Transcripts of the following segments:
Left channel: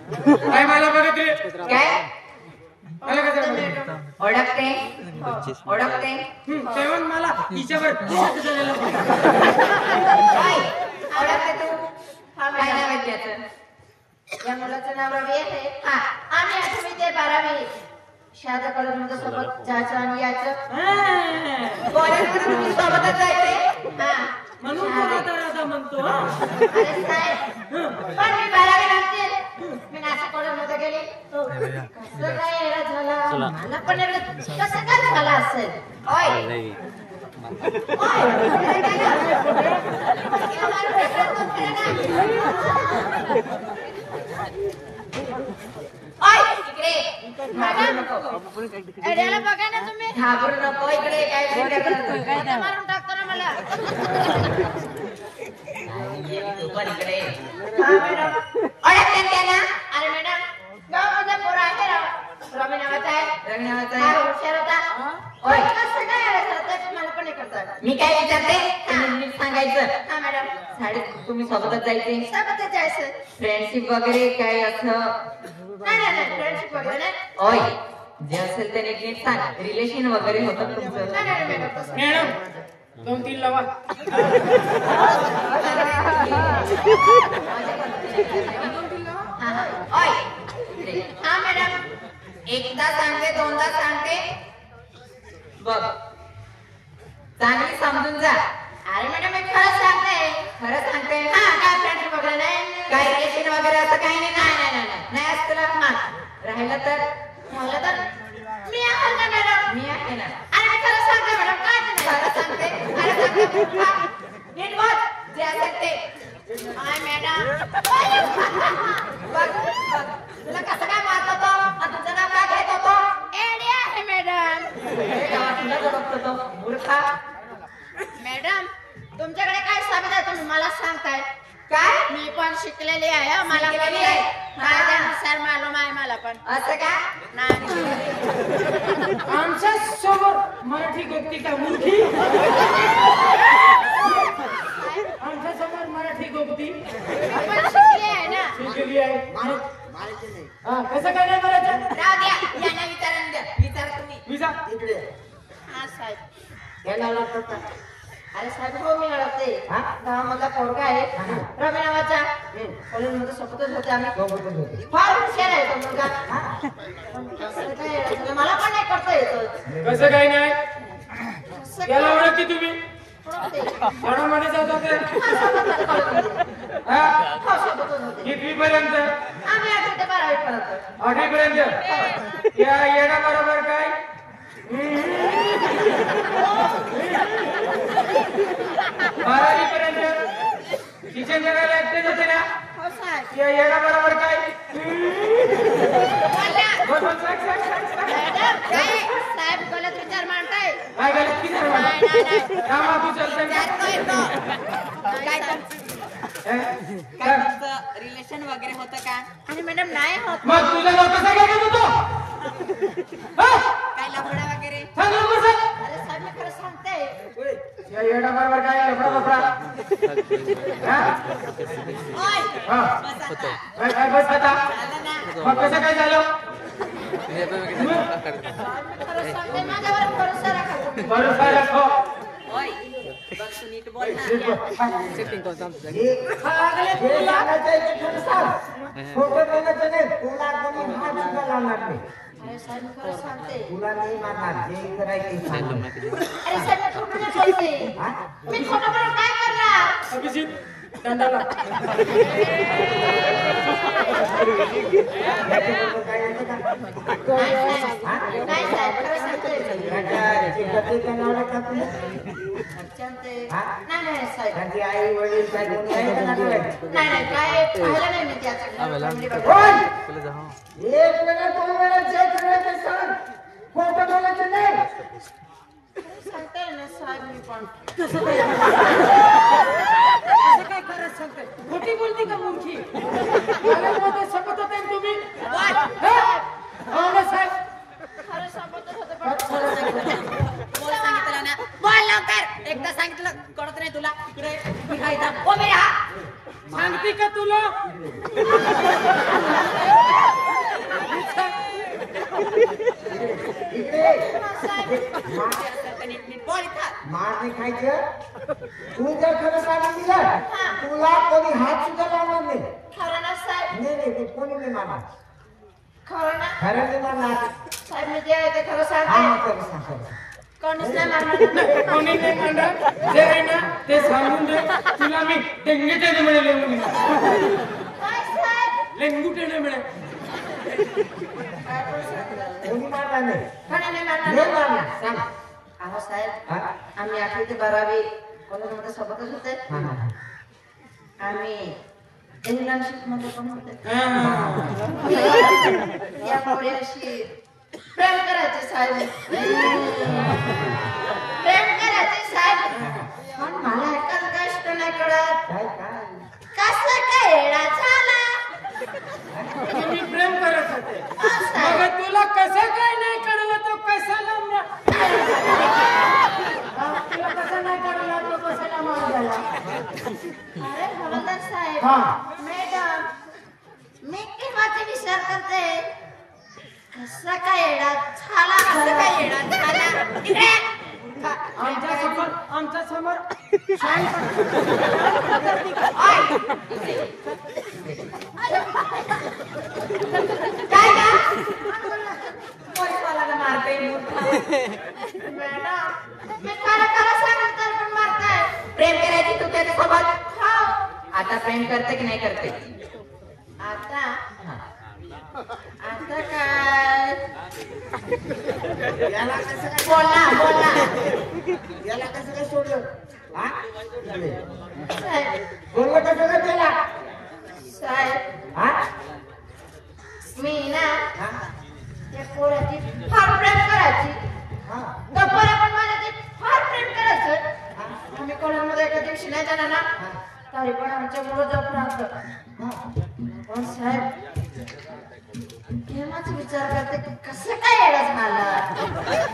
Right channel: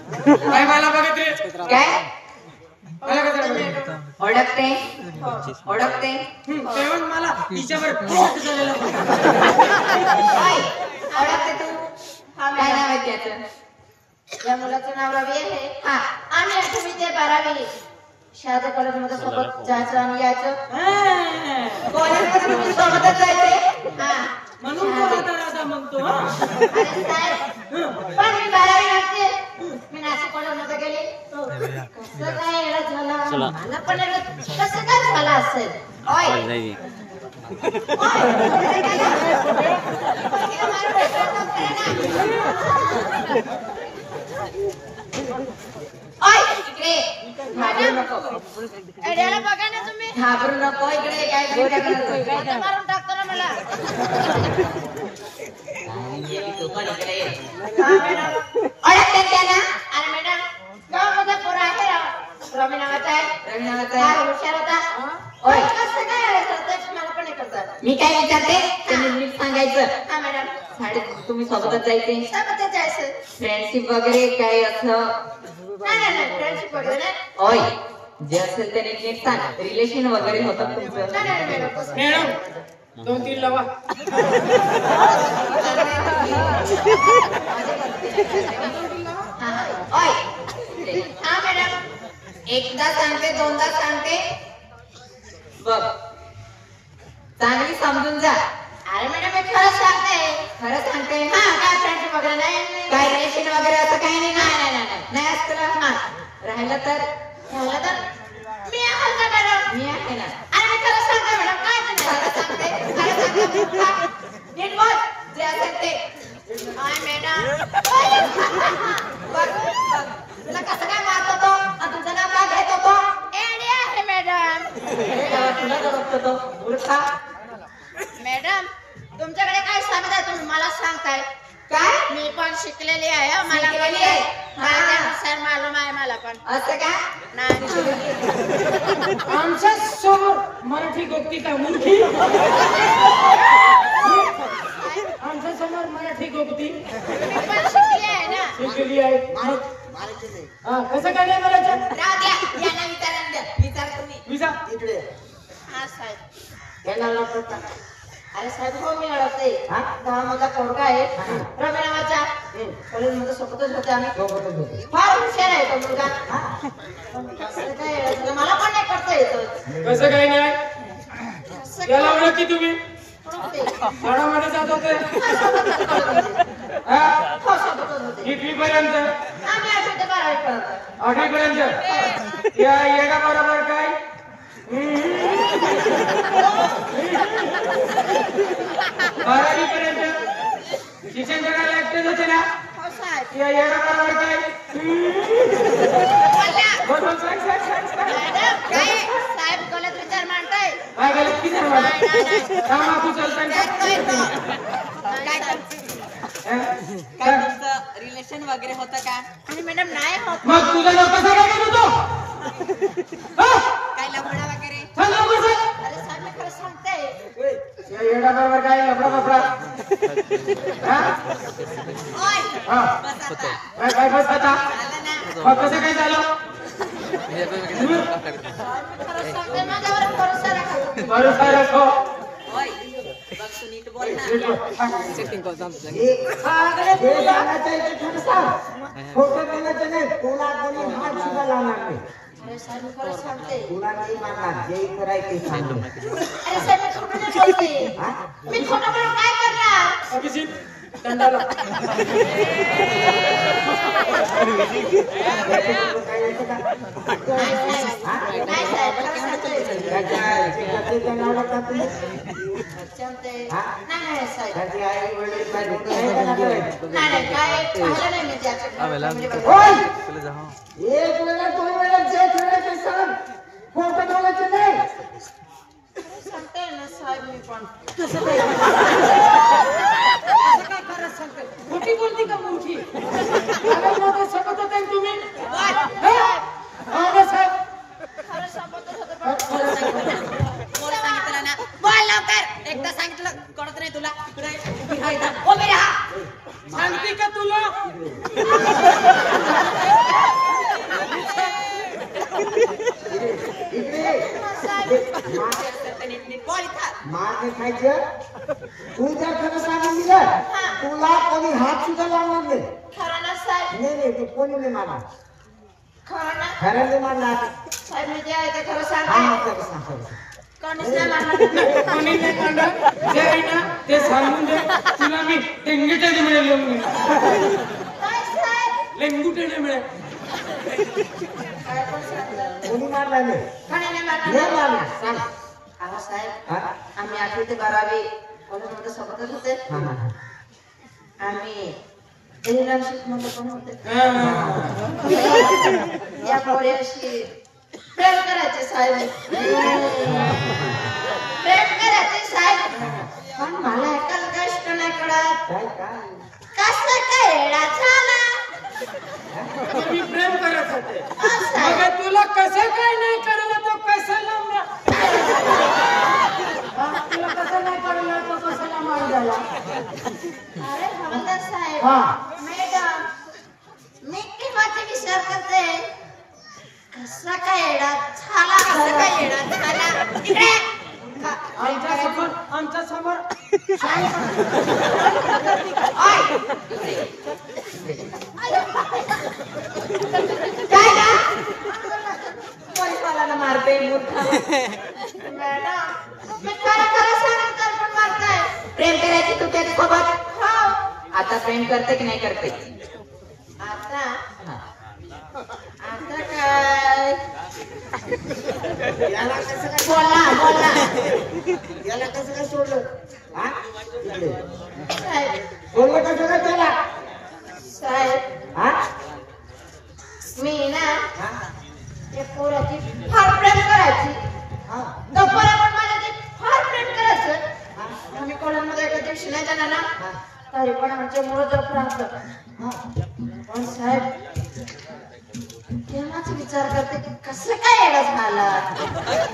काय मला बघत रे? काय मला कसं बघत? ओळखते ओळखते तेव्हा मला हिच्यावर शक झालेला होता. ओळखते तू काय नाव आहे त्याचं? या मुलाचं नाव रवी आहे. हा आम्ही आठवी ते 12वी शाळेत कॉलेजमध्ये सोबत जायचं आणि यायचं. कॉलेजमध्ये तुम्ही सोबतच जायचे. हा म्हणून तो राधा म्हणतो. अरे साहेब पण मी 12वी नंतर मी नाशिक कॉलेजमध्ये गेले. कसं काय एवढं झालं? मला पण कसं काय झालं असेल? ओय घाबरू नको इकडे काय मारून टाकतो ना मला. ओळखते त्याला? अरे मॅडम गावामध्ये पोरं आहे रवी नावाचा आहे. रवी नावाचा आहे हुशार होता. ओय कसं काय झालं? मला पण करतात. मी काय विचारते तुम्ही सांगायचं. हा मॅडम शाळेत तुम्ही सोबतच जायचे? सोबतच जायचं. फ्रेंडशिप वगैरे काय असं? नाही नाही नाही फ्रेंडशिप वगैरे नाही. ओय जे असेल ते नीट सांग. रिलेशन वगैरे होतं तुमचं? नाही नाही मॅडम 2-3 लावा. हा मॅडम एकदा सांगते दोनदा सांगते बघ चांगली समजून जा. अरे मॅडम मी खरंच सांगते. हा काय फ्रेंडशिप वगैरे नाही काय रिलेशन वगैरे असं काही नाही. नाही नाही नाही नाही असतं. राहिलं तर मी आहे ना मॅडम. मी आहे ना. अरे मी खरं सांगते मॅडम. काय खरं सांगते नीट बोल जे असेल ते. हाय मॅडम बघ तुला कसं काय मारत होतो आणि तुमचं नाव काय घेत होतो? एडी आहे मॅडम. मॅडम तुमच्याकडे काय साबीत आहे तुम्ही मला सांगताय काय? मी पण शिकलेली आहे. मला सर मालूम आहे मला पण. असं का? नाही आमच्या समोर मराठी गोक्ती का मुलगी? आमच्या समोर मराठी गोक्ती शिकली आहे ना. शिकली आहे. हा कसं काय नाही बोलायचं? राहू द्या यांना विचारा तुम्ही. विचार इकडे. हा साहेब याला लावता. अरे साहेब हो मी ओळखते. हा माझा पोरगा आहे रवी नावाचा. कॉलेजमध्ये सोबतच होते आम्ही. फार हुशार आहे तो मुलगा. कसं काय मला पण नाही करता येत. कसं काय नाही? याला ओळखते तुम्ही? शाळामध्ये जात होते? कितवी पर्यंत? आम्ही 8वी ते 12वी पर्यंत. 8वी पर्यंत? या येडा बरोबर काय? 12वी पर्यंत शिक्षण करायला एकटेच होते ना? हो साहेब. या येडा बरोबर काय? साहेब गलत विचार मांडताय. काय गलत विचार मांडताय? का मग तू चालतंय? काय तुमचं रिलेशन वगैरे होतं का? आणि मॅडम नाही होत. मग तुझं नाव कसं काय घेत होतो? काय लफडा वगैरे? अरे साहेब मी खरं सांगते. या येडा बरोबर काय लफडा बसला? ओय बस आता. काय बस आता? झालं ना. मग कसं काय झालं? खरं सांगते माझ्यावर भरोसा राखा. भरोसा राखो. ओय बघ तू नीट बोल ना. अरे साहेब मी खरं सांगते. अरे साहेब मी खोटं नाही बोलते. मी खोटं बोलून काय करणार? अभिजित दंडाला. नाही साहेब खरं सांगते. नाही साहेब. नाही काय पाहिलं नाही मी त्याच्याकडे. सांगते ना साहेब मी पण. कसं काय खरंच सांगते? खोटी बोलते का मुलगी? सांगत होते तुम्ही? साहेब खरं सांगतच होतं. बोल लवकर. एकदा सांगितलं कळत नाही तुला. इकडे सांगते का तुला? म्हणायचं तू जर खरं सांगून दिलं तुला कोणी हात सुद्धा लावणार नाही. खरं ना साहेब? नाही नाही, ते कोणी नाही मानणार. खरं ना? खरं नाही मानणार. साहेब मी जे आहे ते खरं हा, सांगते. खरं सांग, खरं सांग. कोणीच नाही म्हणणार. कोणी नाही म्हणणार. जे आहे ना ते सांगून दे. तुला मी डेंगीटेने मिळेल म्हणून. काय साहेब? लेंगुटेने मिळेल. काय पण सांगलं? कोणी मानणार नाही. कोणी नाही नाही म्हणणार. मानणार. सांग. अहो साहेब, हा? आम्ही 8वी ते 12वी कॉलेजमध्ये सोबतच होते. हा, हा. आम्ही इंटर्नशिपमध्ये पण होते. हा. या पोरीशी प्रेम करायचे साहेब. प्रेम करायचे साहेब. पण मला एकच गोष्ट नाही कळत. काय काय? कसं काय येडा झाला? मी प्रेम करत होते. हा, साहेब. मग तुला कसं काय नाही कळलं तो कशाला तुला कसं नाही कळलं तो कशाला मान झाला. अरे हवालदार साहेब, हा. मॅडम, मी केव्हाचे विचार करते. कसं काय येडा झाला? कसं काय येडा झाला? इकडे. आमच्या समोर काय ना? पोलिसवाल्याला मारते. मॅडम, मी खरं सांगते पण मारताय. प्रेम करायची तू त्याच्यासोबत? हो. आता प्रेम करते की नाही करते? आता आता काय? याला कसं काय बोला. याला कसं काय सोडलं? हा? साहेब, सोडलं कसं काय त्याला? साहेब, हा? मी ना हा? त्या पोराची फार प्रेम करायची. हा? गप्पाला पण माझ्याची फार प्रेम करायचं. आम्ही कोणामध्ये एका दिवशी नाही जाणार ना, तरी पण आमच्या मुलं जप राहतं. पण साहेब, केव्हाच विचार करते की कसं काय येडा झाला.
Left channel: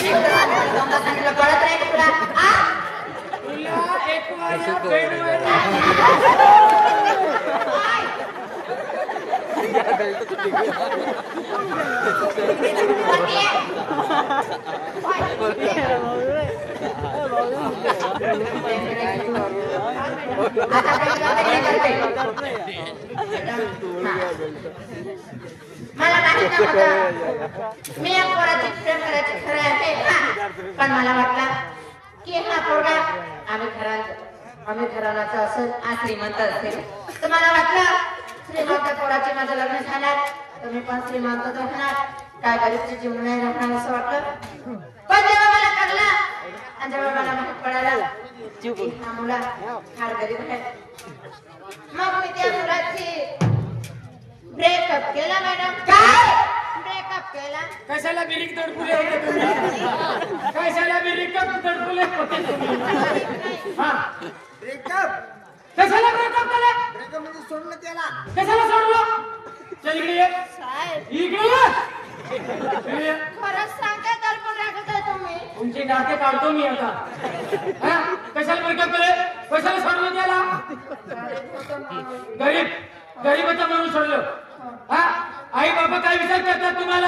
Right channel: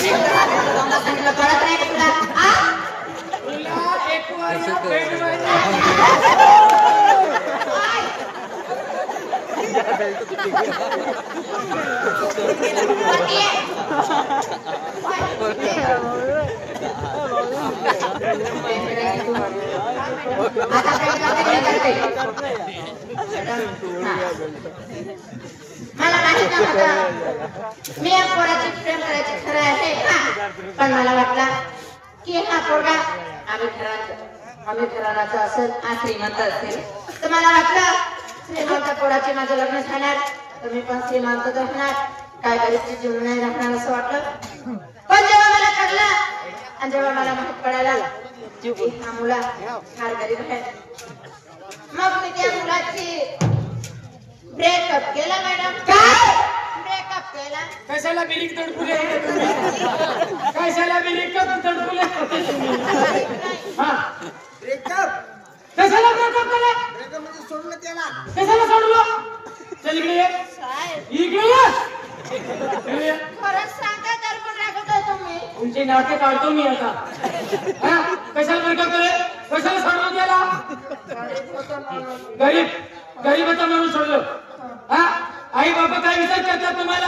एकदा सांगितलं, दोनदा सांगितलं, कळत नाही का तुला? आ? तुला एक वाऱ्या बेडवर मला माहिती नव्हतं मी या पोराची प्रेम करायची खरं आहे का? पण मला वाटलं की हा पोरगा आम्ही घराण्याचा असेल, श्रीमंत असेल, तर मला वाटलं श्रीमंत पोराची माझं लग्न झाणार तर मी पण श्रीमंत होणार, काय गरीबची जीवन नाही राहणार असं वाटलं. पण जेव्हा मला कळलं आणि जेव्हा मला माहित पडायला की हा मुला फार गरीब आहे, मग मी त्या मुलाची ब्रेकअप केला. मॅडम, काय ब्रेकअप केला? कशाला बिरिक तडपुले होते तुम्ही? कशाला बिरिक तडपुले होते तुम्ही? हा, ब्रेकअप कशाला ब्रेकअप केला? ब्रेकअप म्हणजे सोडलं त्याला. कशाला सोडलं? चल इकडे ये. साहेब, इकडे ये. इकडे ये. खरंच सांगता तर पण रागवताय तुम्ही. तुमची नाटके काढतो मी आता. हा? कशाला ब्रेकअप केले? कशाला सोडलं त्याला? गरीब होता म्हणून सोडलं. हा? आई बाबा काय विचार करतात तुम्हाला?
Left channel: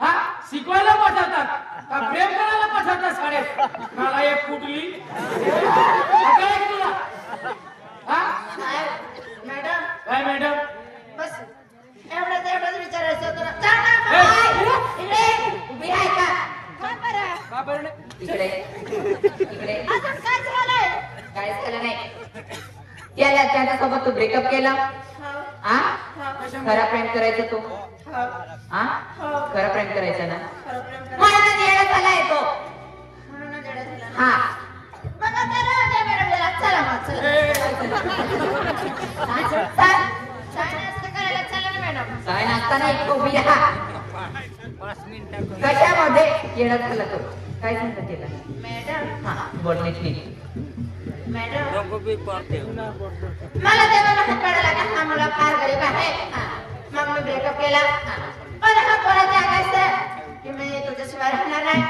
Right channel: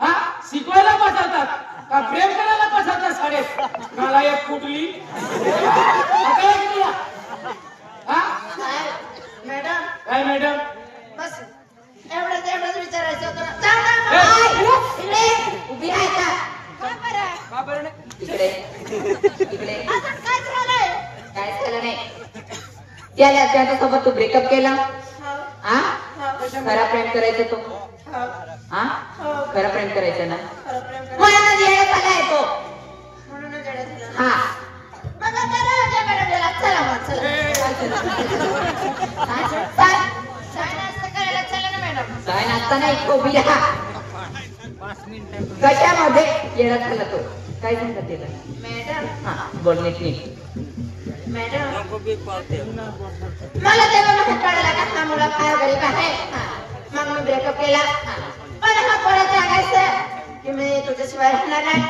हा? शिकवायला पाठवतात का प्रेम करायला पाठवतात शाळेत? मला एक कुठली हा? मॅडम, काय मॅडम? बस एवढंच विचारायचं होतं ना. जा ना, बाई. इकडे उभी आहे का? काय बरं? इकडे अजून काय झालंय? काहीच केलं नाही. त्याच्यासोबत तू ब्रेकअप केला? हा? खरं प्रेम करायचं तो? हा? खरं प्रेम करायचं ना? म्हणूनच येडा झालाय तो. हा. मग आता राहू द्या मॅडम, चला मग, काय नाश्ता करायला चला ना मॅडम. काय नाश्ता नाही, उभी राहा. कशामध्ये येडा झाला तो? काय सांगता त्याला? मॅडम, हा, बोलणे नीट. मॅडम, मला तेव्हा माहित पडलं का हा मुलगा फार गरीब आहे. मग मी ब्रेकअप केला. पण हा परत सांगायचं की मी तुझ्याशिवाय राहणार नाही,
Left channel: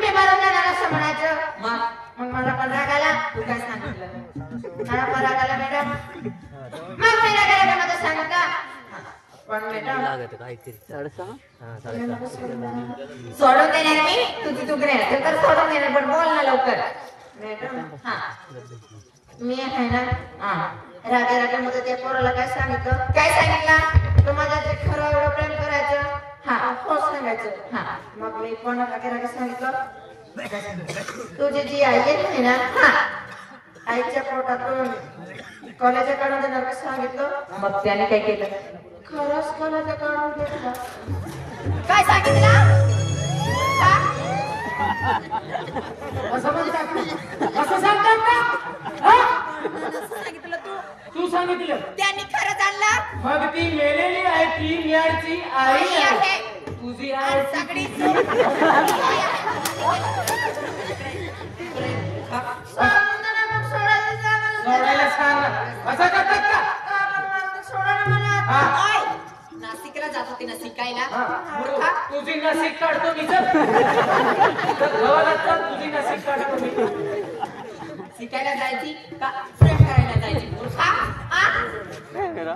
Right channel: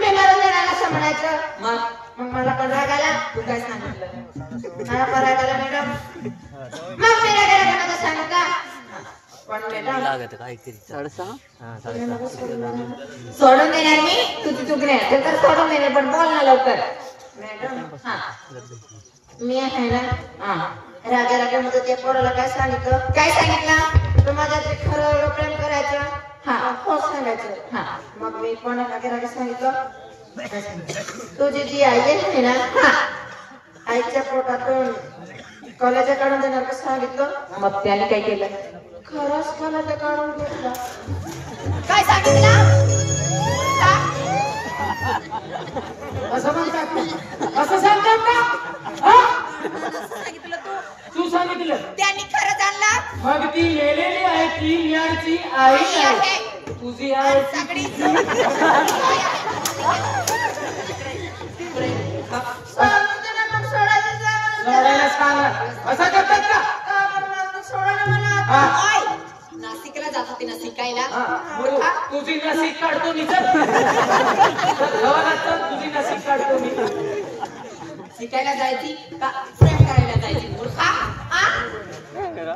मी मरून जाणार असं म्हणायचं. मग मला पण राग आला. तू काय सांगितलं? मला पण राग आला मॅडम. मग मी रागाला माझं सांगितलं. पण मॅडम, सोडून देणार मी? तुझी चूक नाही, तर सोडून देणार, पण बोल ना लवकर. मॅडम हा मी आहे ना राजा राजामध्ये त्या पोराला काय सांगितलं तू माझ्या ते खरं प्रेम करायचं हा हो सांगायचं हा मग मी पण राजा सांगितलं तुझी जी आई आहे ना आईच्या पोटातून कॉलेजच्या काढून देणार कसं सांगितलं मग त्याने काय केलं खरंच कॉलेजच्या काढून दिलं काय सांगितलं असं म्हणतात असं सांगतात ना सांगितलं तू सांगितलं त्यांनी खरंच आणलं मग ती मेलेली आहे ती मिळाची आई आहे तुझी आई सगळीच सोडायला सांग असं करतात का नाशिकला जात होती ना शिकायला तुझी नाशिक काढतो मी चल गावाला चल तुझी नाशिक काढतो मी शिकायला जायची का प्रेम करायला जायची मूर्खा शिकायला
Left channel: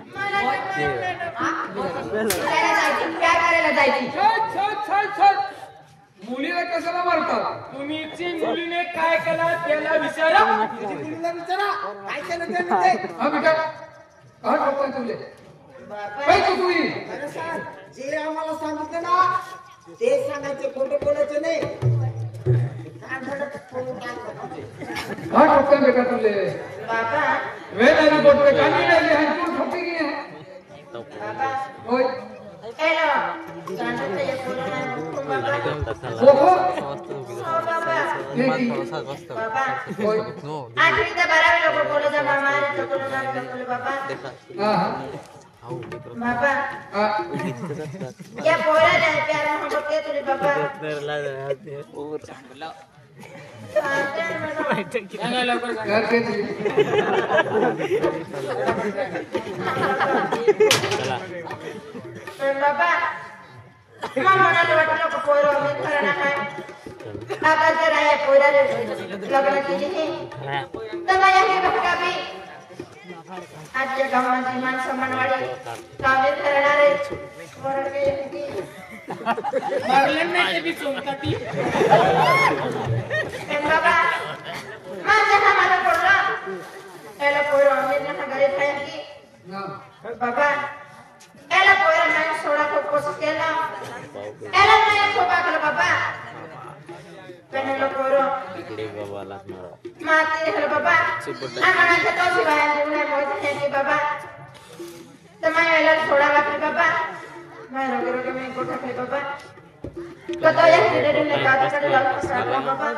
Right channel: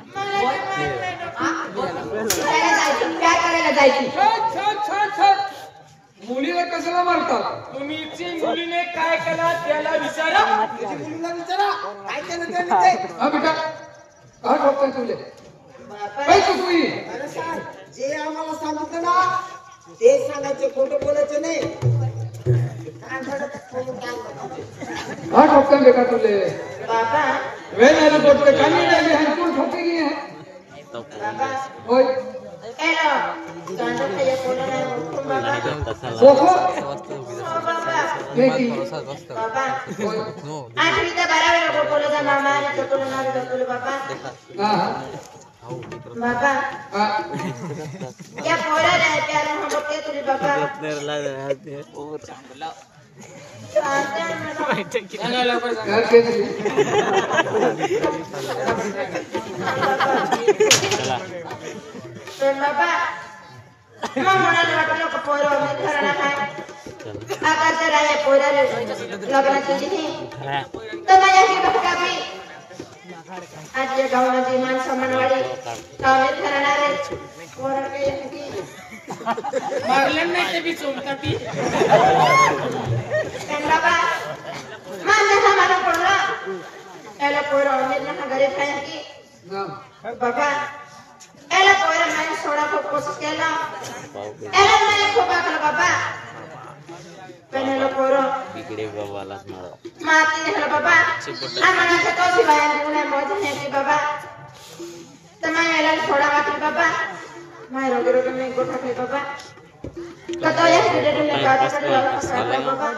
जायची प्यार करायला जायची मुलीला कशाला मारतात तुम्हीची मुलीने काय केला त्याला विचारा मुलीला विचारा काय केलं त्याने ते काय करतोय तुले अरे सांग जे आम्हाला सांगितलं ना ते सांगायचे खोटं बोलायचं नाही हाँ ठोकर बेटा तुले बाबा वे लेना पड़ते कानी लगे हैं तुम ठोकेगी है बाबा ओए काय ना गांडे ते बोलणार बाबा बाबा आणि त्या बराबर बोलला मामा आणि तो बोलणार बाबा बाबा या पोराला प्यारा म्हणते तुम्ही बाबा सांगा लवकर सांगा तर बाबा म्हणाले वाटलं पोरं करणार आहे आता जर आहे पोराला लग्नाची तर माझ्या आजच्या गावाची माणसं मनवाडी कामे करणारे मारलं नाही ते बी चोमता ती बाबा माझ्या मला पडलं त्याला पोरं आम्ही घरी खायची बाबा याला पोरं नाही सोडा कोशिश केला याला नाही खूप आकलं बाबा पेनलो पोरं इकडे गावाला माती दिलं बाबा आम्हाला कशी बाहेर निघण्यामुळे ती बाबा तर माझ्या सोडा वाटली बाबा माझ्या बरोबर मी कुठं खाय बाबा कतो या खेळले बाबा सगळा बाबा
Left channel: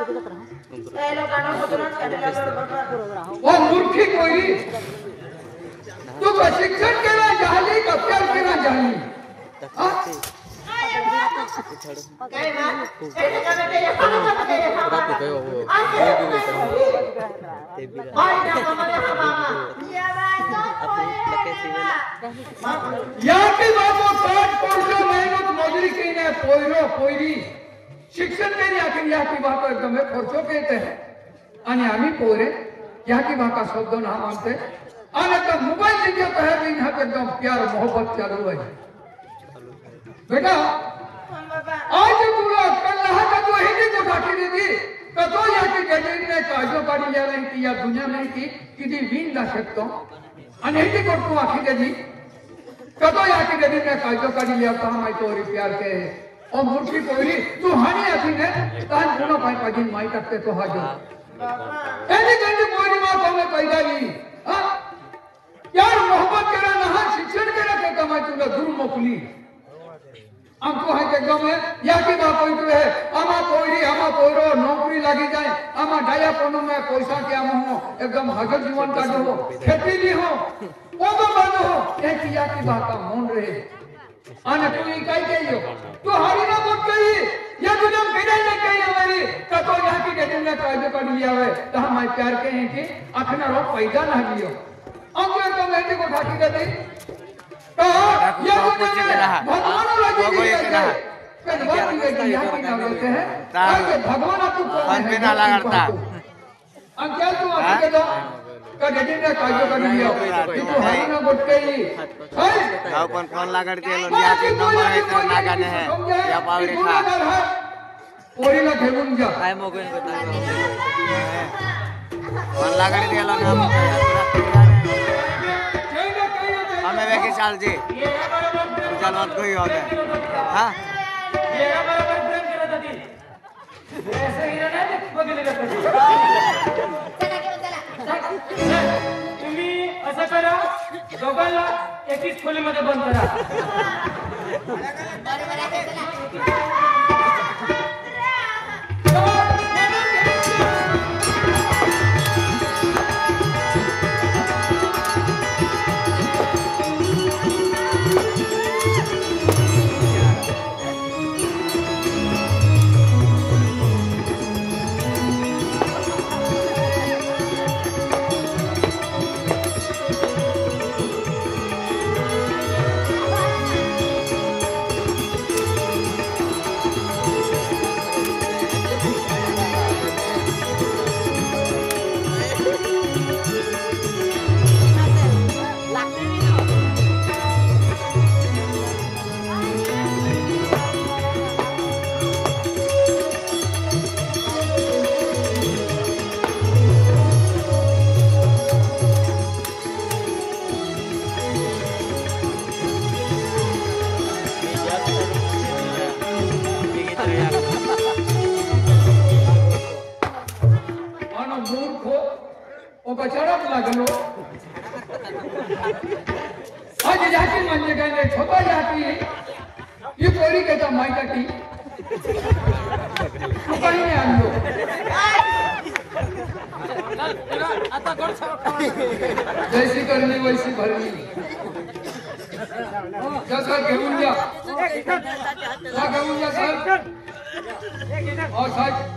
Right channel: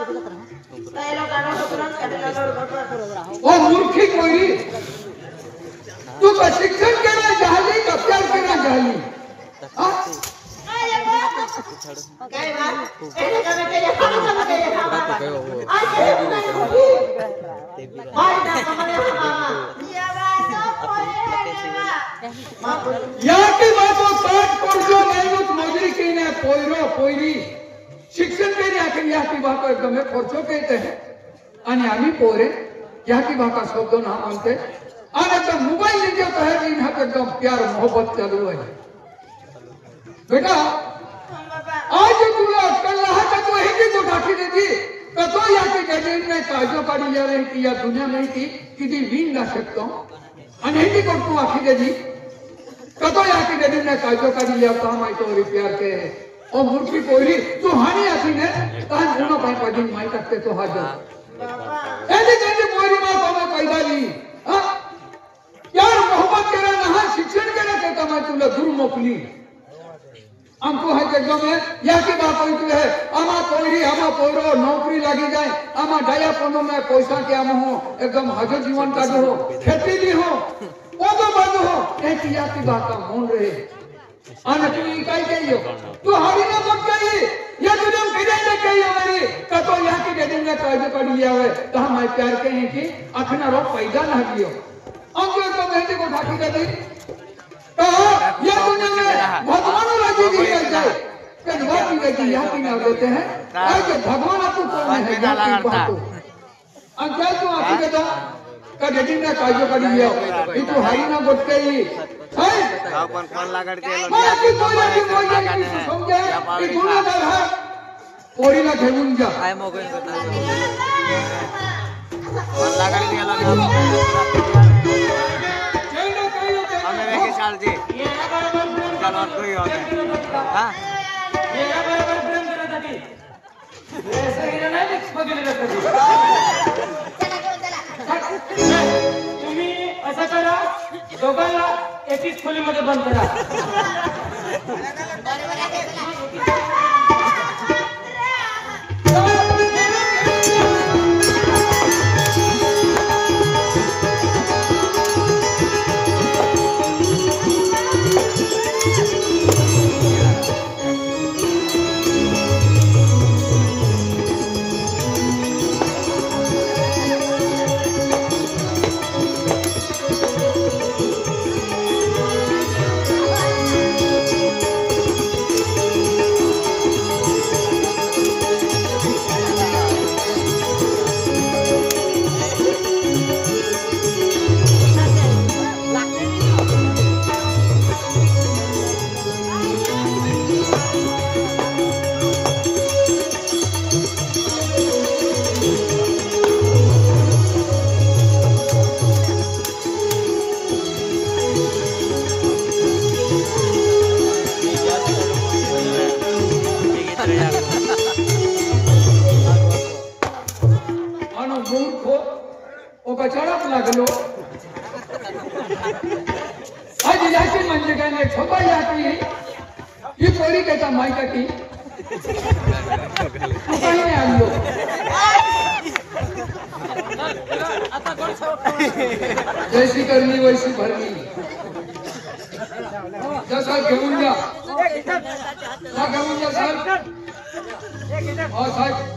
त्याला गाणं करून काढला बाबा ओ मूर्खी कोयरी तू प्रशिक्षण केला झाली कप्तार केला झाली काय ना काय काम केले काम केले या की बाबा काट पडतो मेहनत मजुरी केने पोयरो पोयरी शिक्षण केले आखिर या की बाबा एकदम खर्चो कहते हैं आणि आम्ही पोरे या की बाबा शब्द ना बोलते और तो मोबाइल लेके तो है इन हाथ एकदम प्यार मोहब्बत चलो है बेटा आज तुला कल का तो हिंदी को बाकी दे दी तो या की डेली में काजो काढी जा रही थी या दुनिया में थी किती विन ना सकतो आणि हिंदी को तू आखी दे दी तो या की डेली में काजो काढी या काम है तो प्यार के और मूर्ति कोई तू हानी आखी ने तान गुना पाई पाई माई करते तो हाजा ऐसे कैसे कोई मां को पैदा ली हां यार मोहब्बत केला ना शिक्षण केला ते कमाई तुला दूर मोकली हमको है के गमे या की बात होती है आमा कोई आमा कोरो नौकरी लगी जाए आमा डाया कोनो में पैसा क्या हो एकदम हज जीवन का हो खेती भी हो वो तो बंद हो एक या की बात का मन रहे आने तू इकाई चाहिए तू हरी ना मत कही ये तो जब बिना ना कही हमारी कतो या की डेली में काज कर लिया है तो हम प्यार के हैं कि अपना रोग पैदा ना लियो अंग तो बेटे को ठाकी दे दी तो ये दुनिया में भगवान लगी दी है कि भगवान की यहाँ की ना लेते हैं ऐसे भगवान तू कौन है अंकल तू आके के दो कभी ने काज कर लिया कि तू हरी ना मत कही है कौन लागड़ के लो लिया के कमाए तो ना गाने हैं समझे कि दुनिया है पोरीला घेऊन जा. काय मोकळे करणार तुम्ही असं करा, दोघांना एकीच खोलीमध्ये बंद करा. कचड़क लागलो आज याची म्हणजे काय नाही छोटा याची ही पोरी त्याचा माहिती की काही आणलो जैसी करणी वैसी भरली जसं घेऊन जा घेऊन जा साहेब साहेब